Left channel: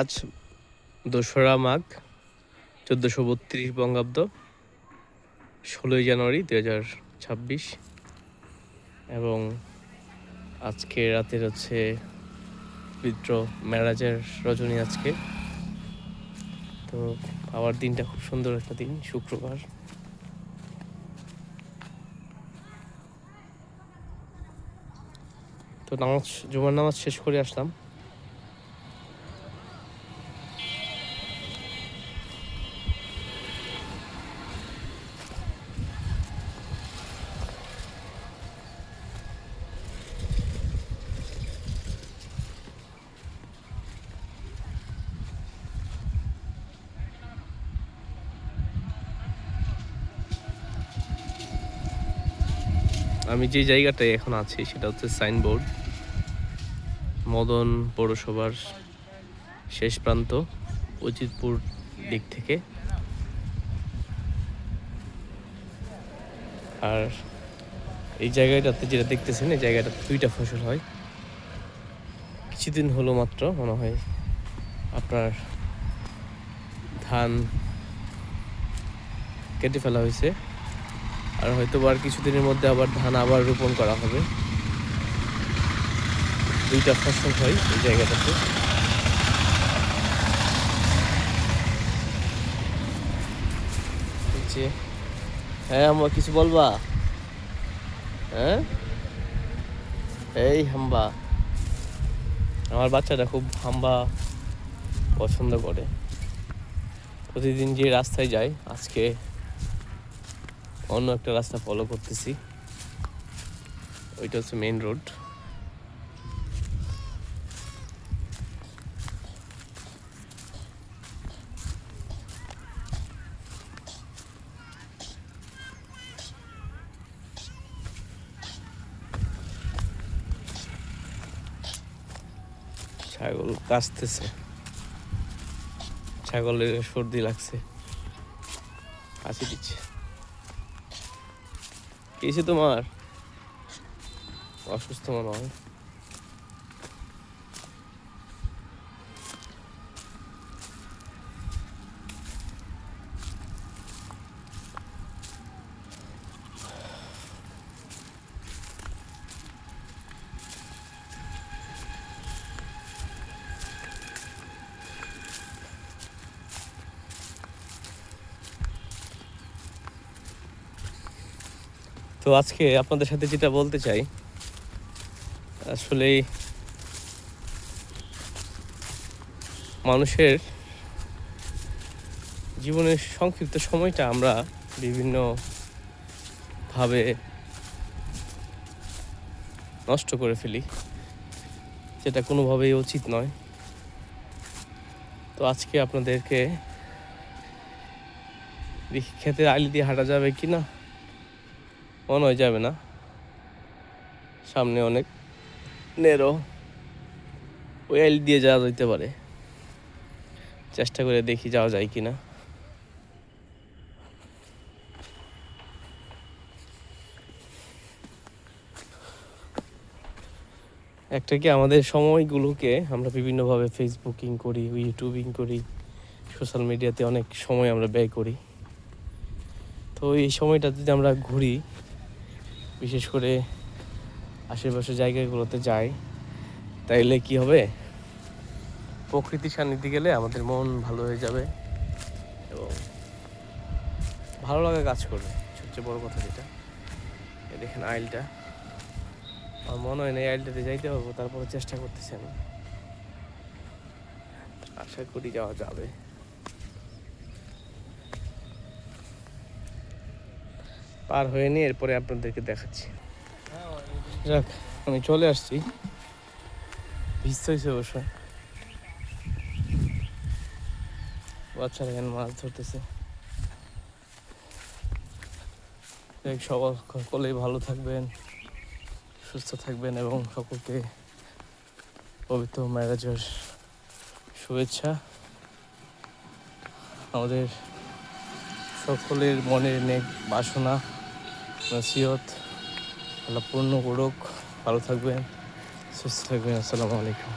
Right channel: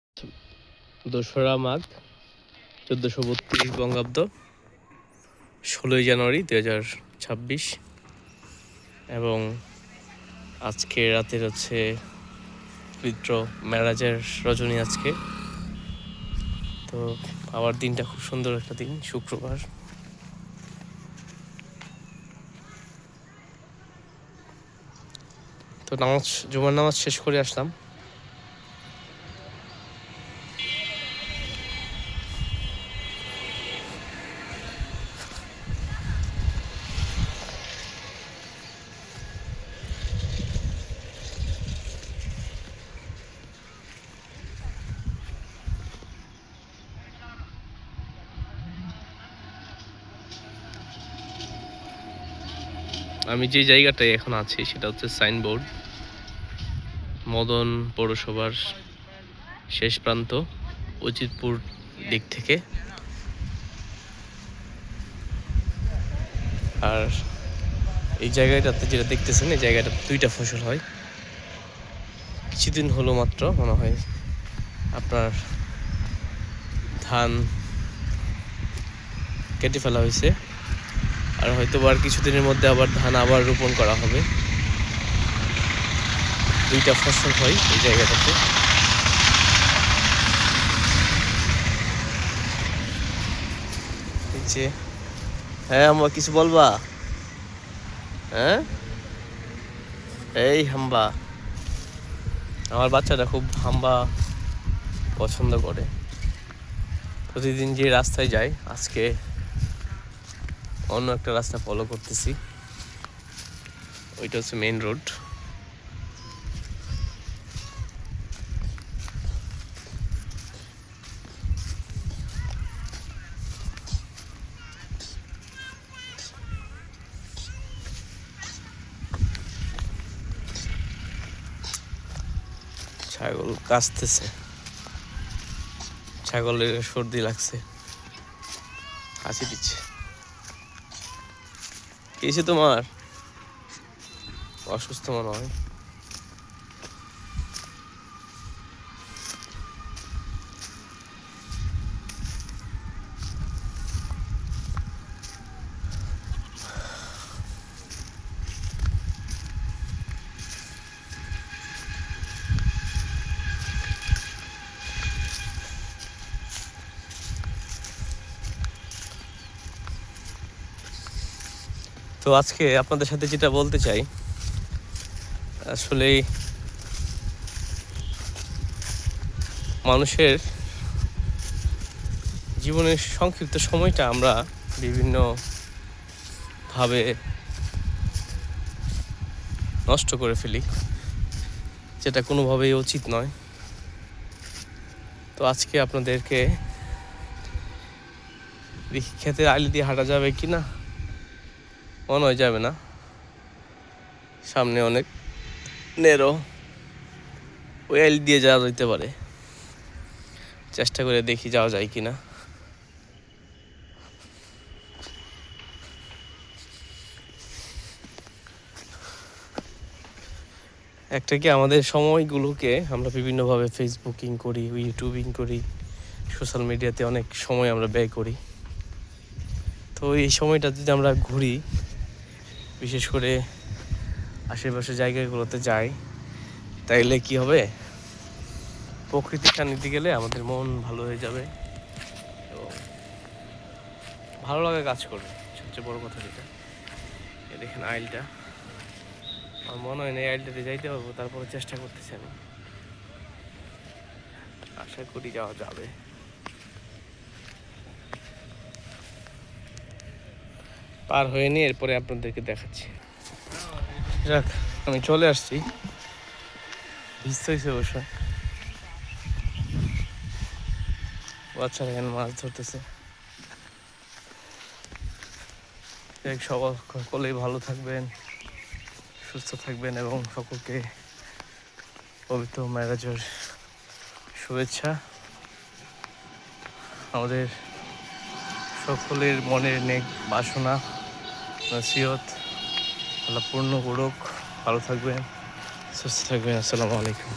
আজ ২রা মাঘ ১৪৩২ বঙ্গাব্দ, ১৬ই জানুয়ারি ২০২৬ এবং আজকে রাতের হচ্ছে পবিত্র মেরাজের রজনী। আজকে তো আবার দিনটা খুব সুন্দর একটা দিন, শুক্রবার। তো জুমার নামাজ শেষ করে আসলাম। আমি যে জায়গাটায় এখন আছি সেটা হচ্ছে সাইনবোর্ড, মদন পৌরসভার শেষ প্রান্ত, উজিরপুর দিক থেকে। আর এই জায়গাটাতে যেটা দেখতেছেন, এই জায়গাটা 2টা ফসল হয়। কিছুদিন হলো মাত্র মনে হয় আপনার ধান কেটে ফেলা হয়েছে, আর হয়তো আর কিছুদিনের মধ্যে আবার ধান আবার রোপণ করা হবে। 2টা ফসল হয় এই জায়গাটাতে। যে হ্যাঁ, আমরা কিছু বলবা? হ্যাঁ, এই হাম্বা, আমার বাচ্চাটা খুব হাম্বা পছন্দ করে। প্রতিদিন যে রাস্তায় যায়, আজকে অন্য একটা রাস্তা ফলো করতেছি। ওইটা হচ্ছে মেইন রোড। ছাগল কাশতেছে, ছাগলের সর্দি লাগছে, হাসি দিচ্ছে। কিছু তোমার অসুস্থ মনে হয়? তো আজকে আপনাদের সাথে যেটা বলতে চাই, আসলে মানুষের জীবনের সংক্ষিপ্ত সময়টা আমরা বিভিন্নভাবে নষ্ট করে ফেলি, যেটা কোনোভাবেই উচিত নয়। তো আজকে আপনাদেরকে ক্ষেতের আলি দিয়ে হাঁটা যাবে কি না, মনে হয় যাবে না। সামনে অনেক নেরো, ওই আলি দিয়ে যাওয়া যেতে পারে। চেষ্টা করে দেখি যাওয়া যায় কি না। একটা কি, আমাদের সময়গুলোকে আমরা বিভিন্নভাবে ফেসবুকিং করি, ইউটিউবিং করি, সোশ্যাল মিডিয়াতে অনেক সময় আমরা ব্যয় করি। তো এই সময়টা যদি আমরা ঘুরি, বিশেষ করে আশেপাশের জায়গাগুলোতে যাই, তাইলে কি হবে, প্রকৃতির সান্নিধ্যে গেলে আমাদের মন ভালো হয়ে যাবে এবং ভালো লাগা কাজ করবে। সবচেয়ে বড় কথা যেটা, দেখেন আইলটা, আমার মনে হয় না এই আইলটাতে যাইতে পারবো, তারপরে চেষ্টা করতেছি আমি, আশা করি যাওয়া যাবে। পার হয়ে নিয়ে এরপরে আপনাদেরকে দেখাচ্ছি। যাক, আমি চলে আসছি। ভিজতে হয়েছে অবশ্যই। বাচ্চারা এখানে মাছ ধরতেছে। সকলেই ভালো থাকবেন, সুস্থ থাকবেন এবং সকলকে পবিত্র মেরাজের শুভেচ্ছা। আমাদের সকলের মনের নেক বাসনা নসিহত আল্লাহ পূর্ণ করুক। ভালো থাকবেন, সুস্থ থাকবেন। আসসালামু আলাইকুম।